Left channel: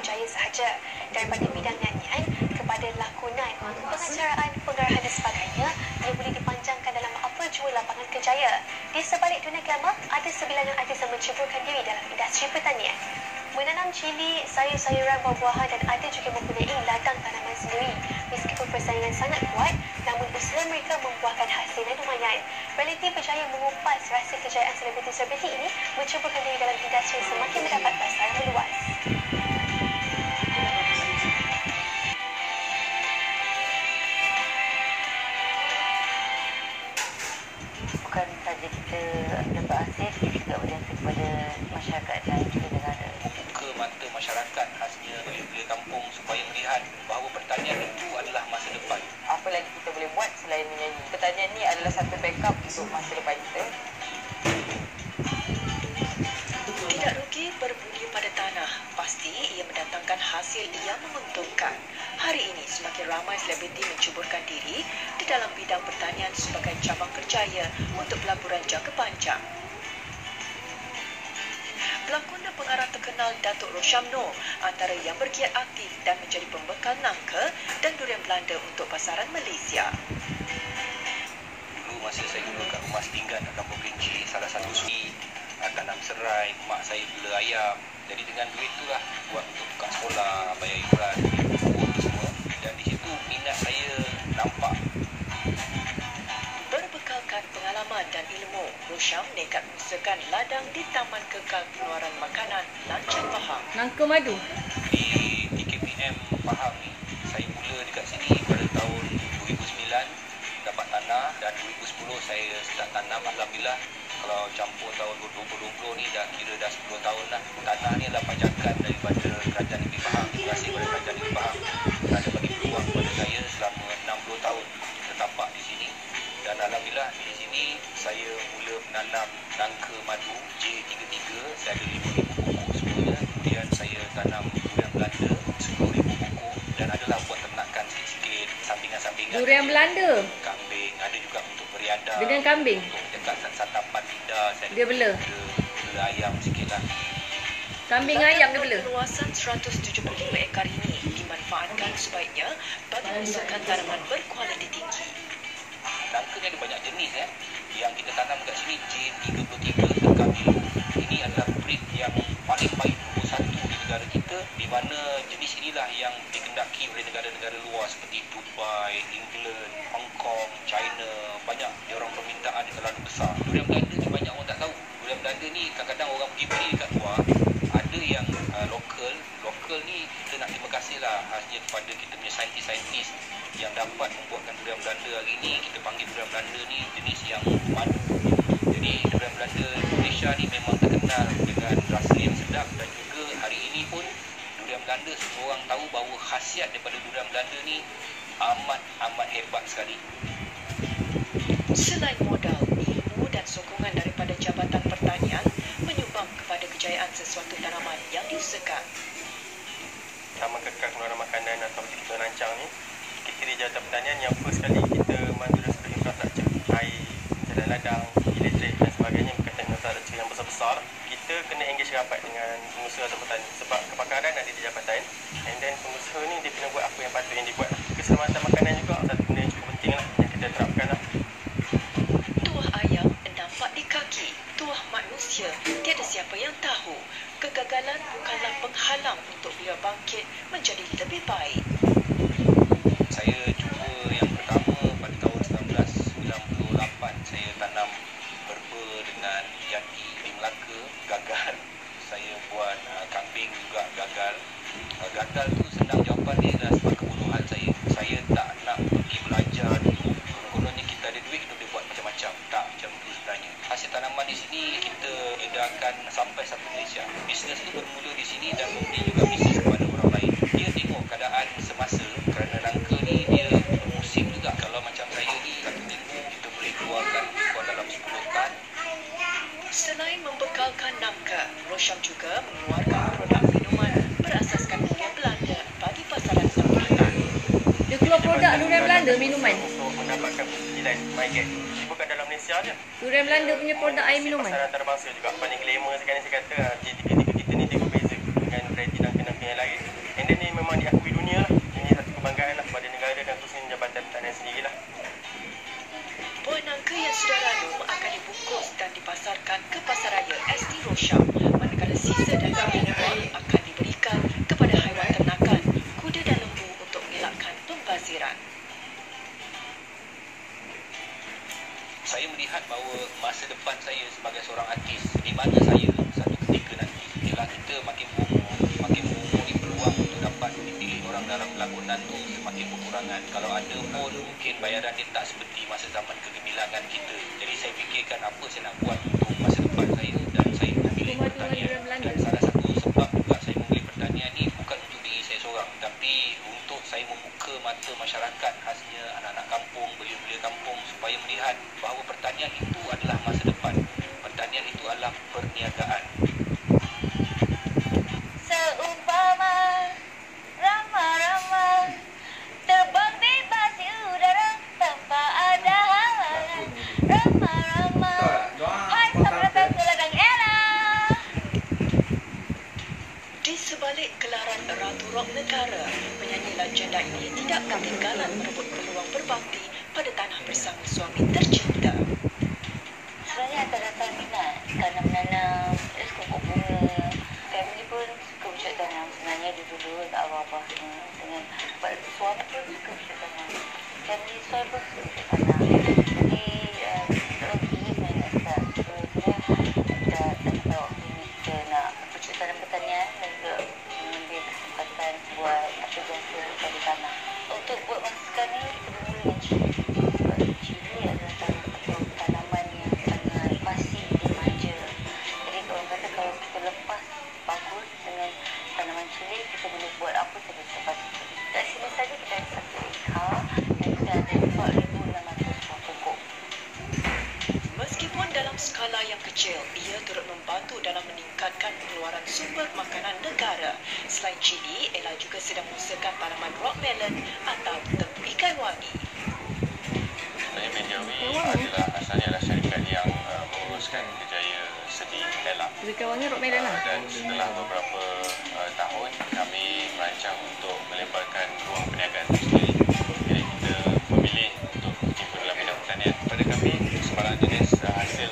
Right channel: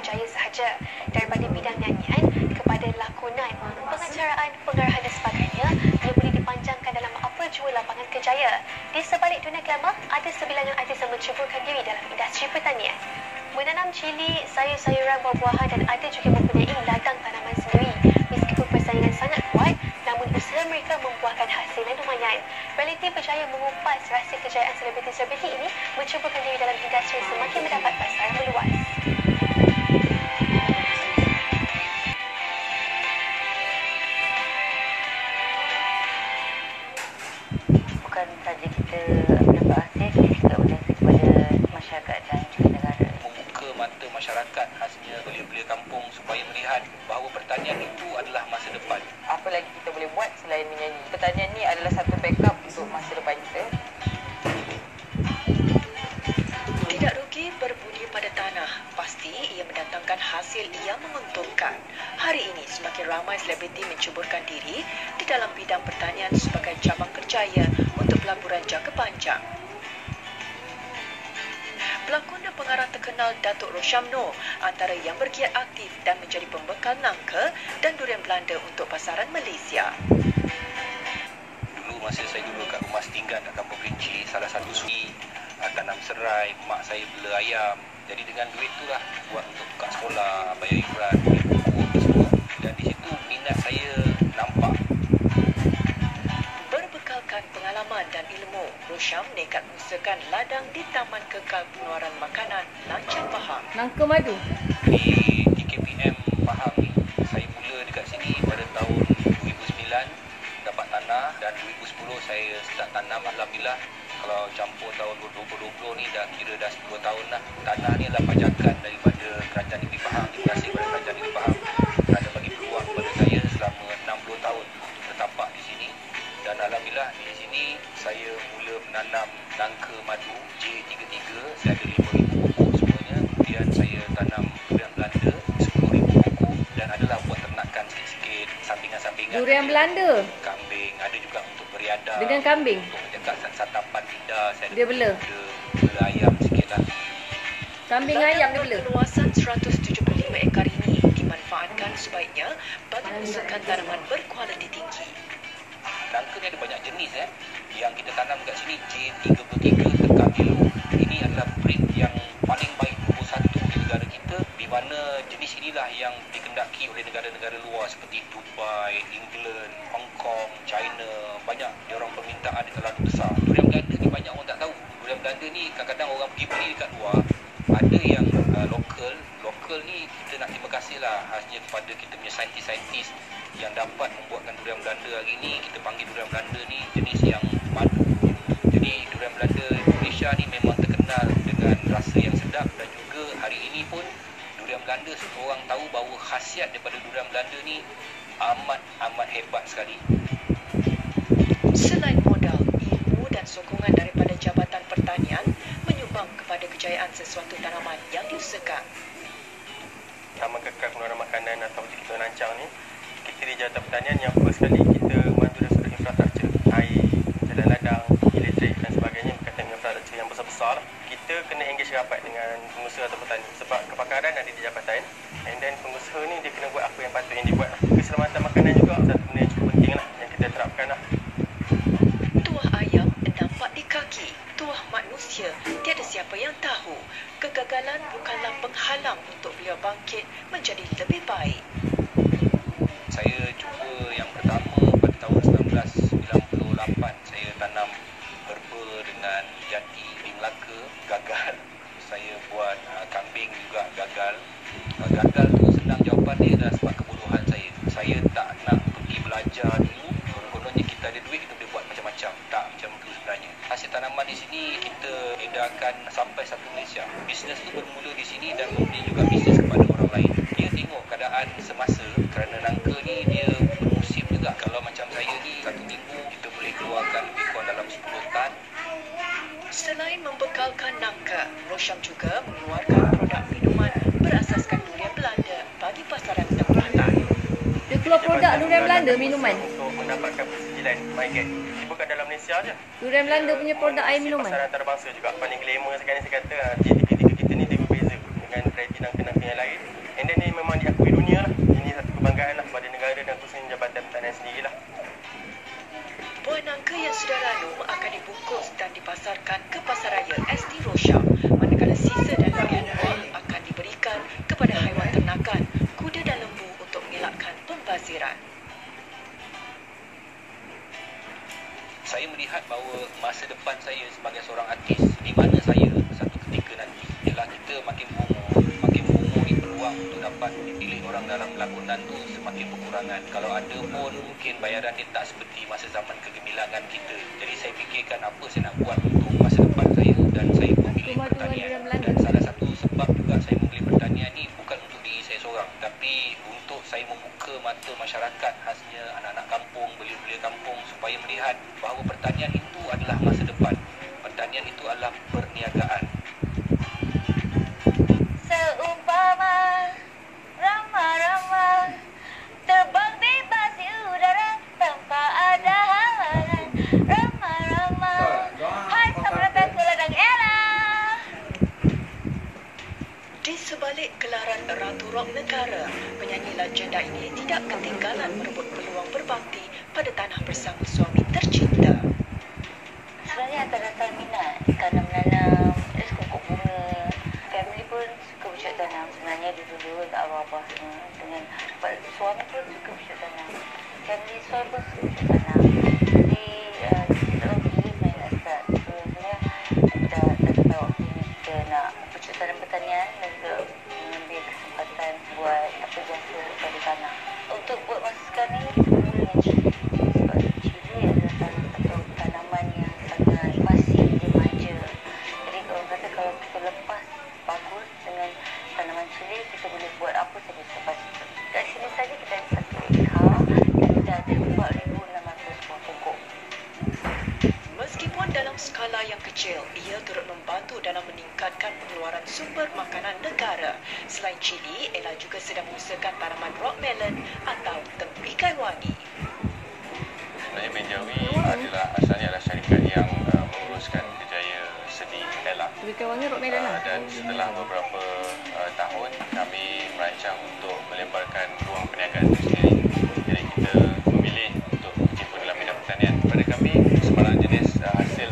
kerjaya sahaja. Daripada bidang nyanyian kepada lakonan, pengacaraan, pengarahan dan sebagainya, ia boleh dipanjangkan dalam apa jua lapangan kerjaya. Di sebalik dunia glamour, ada sebilangan artis yang menceburkan diri dalam industri pertanian. Menanam cili, sayur-sayuran, buah-buahan dan ada juga mempunyai ladang tanaman sendiri. Meskipun persaingan sangat kuat, namun usaha mereka membuahkan hasil yang lumayan. Realiti berjaya mengupas rahsia kejayaan selebriti-selebriti ini menceburkan diri dalam industri semakin mendapat pasaran meluas. Bukan saja kita dapat hasil, kita juga berjasa kepada masyarakat dan juga negara. Membuka mata masyarakat khasnya belia-belia kampung supaya melihat bahawa pertanian itu adalah masa depan. Apa lagi kita boleh buat selain menyanyi? Pertanian ni adalah satu backup untuk masa depan kita. Tidak rugi berbudi pada tanah. Pasti ia mendatangkan hasil yang menguntungkan. Hari ini semakin ramai selebriti mencuburkan diri di dalam bidang pertanian sebagai cabang kerjaya untuk pelaburan jangka panjang. Pelakon dan pengarah terkenal Datuk Rosham Noor antara yang bergiat aktif dan menjadi pembekal nangka dan durian Belanda untuk pasaran Malaysia. Dulu masa saya duduk kat rumah setinggan kat Kampung Kerinci, salah satu suri tanam serai, mak saya bela ayam. Jadi dengan duit itulah buat untuk buka sekolah, bayar iuran, beli buku tu semua. Dan di situ minat saya nampak. Berbekalkan pengalaman dan ilmu, Rosham nekat mengusahakan ladang di Taman Kekal Pengeluaran Makanan Lancang Pahang. Nangka madu. Di TKPM Pahang ni, saya mula dekat sini pada tahun 2009, dapat tanah, dan 2010 saya start tanam. Alhamdulillah, kalau campur tahun 2020 ni dah kira dah 10 tahun lah. Tanah ni adalah pajakan daripada Kerajaan Negeri Pahang. Terima kasih kepada Kerajaan Negeri Pahang kerana bagi peluang kepada saya selama 60 tahun tertapak di sini. Dan Alhamdulillah di sini saya mula menanam nangka madu J33. Saya ada 5,000 pokok semuanya. Kemudian saya tanam durian Belanda 10,000 pokok. Dan adalah buat ternakan sikit-sikit, sampingan-sampingan. Durian Belanda? Kambing. Ada juga untuk beriadah. Dengan kambing? Untuk menjaga santapan lidah. Saya Dia bela? Bela ayam sikit lah. Kambing ayam dia bela? Luasan 175 ekar ini dimanfaatkan sebaiknya bagi usahakan tanaman berkualiti tinggi. Nangka ni ada banyak jenis yang kita tanam kat sini J33 Tekam Elo. Ini adalah breed yang paling baik nombor 1 di negara kita, di mana jenis inilah yang dikendaki oleh negara-negara luar seperti Dubai, England, Hong Kong, China. Banyak diorang permintaan dia terlalu besar. Durian Belanda ni banyak orang tak tahu. Durian Belanda ni kadang-kadang orang pergi beli kat luar. Ada yang lokal ni kita nak terima kasih lah khasnya kepada kita punya saintis-saintis yang dapat membuatkan durian Belanda hari ni. Kita panggil durian Belanda ni jenis yang madu. Jadi durian Belanda Malaysia ni memang terkenal dengan rasa yang sedap, dan juga hari ini pun durian Belanda semua orang tahu bahawa khasiat daripada durian Belanda ni amat hebat sekali. Selain modal, ilmu dan sokongan daripada Jabatan Pertanian menyumbang kepada kejayaan sesuatu tanaman yang diusahakan. Taman Kekal Pengeluaran Makanan atau kita rancang ni, kita di Jabatan Pertanian yang first sekali kita mandu dari sudut infrastruktur, air, jalan ladang, elektrik dan sebagainya, berkaitan dengan infrastruktur yang besar-besar. Kita kena engage rapat dengan pengusaha atau petani sebab kepakaran ada di jabatan, and then pengusaha ni dia kena buat apa yang patut yang dibuat. Keselamatan makanan juga satu benda yang cukup penting lah yang kita terapkan lah. Tuah ayam nampak di kaki, tuah manusia tiada siapa yang tahu. Kegagalan bukanlah penghalang untuk beliau bangkit menjadi lebih baik. Saya cuba yang pertama pada tahun 1998, saya tanam herba dengan jati di Melaka, gagal. Saya buat kambing juga gagal. Gagal tu senang jawapan dia adalah sebab kebodohan saya. Saya tak nak pergi belajar dulu. Konon-kononnya kita ada duit, kita boleh buat macam-macam. Tak macam itu sebenarnya. Hasil tanaman di sini kita edarkan sampai satu Malaysia. Bisnes tu bermula di sini dan kemudian juga bisnes kepada orang lain. Dia tengok keadaan semasa, kerana nangka ni dia bermusim juga. Kalau macam saya ni, satu minggu kita boleh keluarkan lebih kurang dalam 10 tan. Selain membekalkan nangka, Rosham juga mengeluarkan produk minuman berasaskan durian Belanda bagi pasaran tempatan. Dia keluar produk durian Belanda minuman? Untuk mendapatkan persetujuan MyGet. Dia bukan dalam Malaysia je. Durian Belanda punya produk air minuman? Pasaran antarabangsa juga. Paling glamour sekarang ni saya kata, J33 kita ni dia berbeza dengan variety nangka-nangka yang lain. Enden ni memang diakui dunia lah. Ini satu kebanggaan lah pada negara dan khususnya Jabatan Pertanian sendirilah. Buah nangka yang sudah ranum akan dibungkus dan dipasarkan ke Pasaraya ST Rosha, manakala sisa daging yang dibuang akan diberikan kepada haiwan ternakan, kuda dan lembu untuk mengelakkan pembaziran. Saya melihat bahawa masa depan saya sebagai seorang artis, di mana saya satu ketika nanti, ialah kita makin umur ni peluang untuk dapat dipilih orang dalam pelakonan tu semakin berkurangan. Kalau ada pun mungkin bayaran dia tak seperti masa zaman kegemilangan kita. Jadi saya fikirkan apa saya nak buat untuk masa depan saya, dan saya memilih pertanian. Dan salah satu sebab juga saya memilih pertanian ni bukan untuk diri saya seorang, tapi untuk saya membuka mata masyarakat, khasnya anak-anak kampung, belia-belia kampung, supaya melihat bahawa pertanian itu adalah masa depan. Pertanian itu adalah perniagaan. Seumpama rama-rama terbang bebas di udara tanpa ada halangan. Rama-rama, hai selamat datang ke ladang Ella. Di sebalik gelaran Ratu Rock Negara, penyanyi legenda ini tidak ketinggalan merebut peluang berbakti pada tanah bersama suami tercinta. Sebenarnya asal-asal minat kerana menanam pokok bunga. Family pun suka bercocok tanam. Sebenarnya dulu kat abah-abah semua. Dengan suami pun suka bercocok tanam. Family saya pun suka bercocok tanam. Jadi terus main nak start. So sebenarnya tak ada waktu ni kita nak bercocok tanam pertanian dan juga mengambil kesempatan buat apa biasa pada tanah. Untuk buat masa sekarang ni kita mula dengan cili. Cili adalah salah satu tanaman yang sangat masih remaja. Jadi orang kata kalau kita lepas bagus dengan tanaman cili, kita boleh buat apa saja sepatutnya. Kat sini saja kita ada 1 ekar dan kita ada 4,600 buah pokok. Meskipun dalam skala yang kecil, ia turut membantu dalam meningkatkan pengeluaran sumber makanan negara. Selain cili, Ella juga sedang mengusahakan tanaman rock melon atau tempikai wangi. Saya Benjawi asalnya adalah syarikat yang menguruskan kejaya seni Ella. Tempikai wangi rock melon lah. Dan setelah beberapa tahun kami merancang untuk melebarkan ruang perniagaan itu sendiri. Jadi kita memilih untuk berkecimpung dalam bidang pertanian. Pada kami, sebarang jenis hasil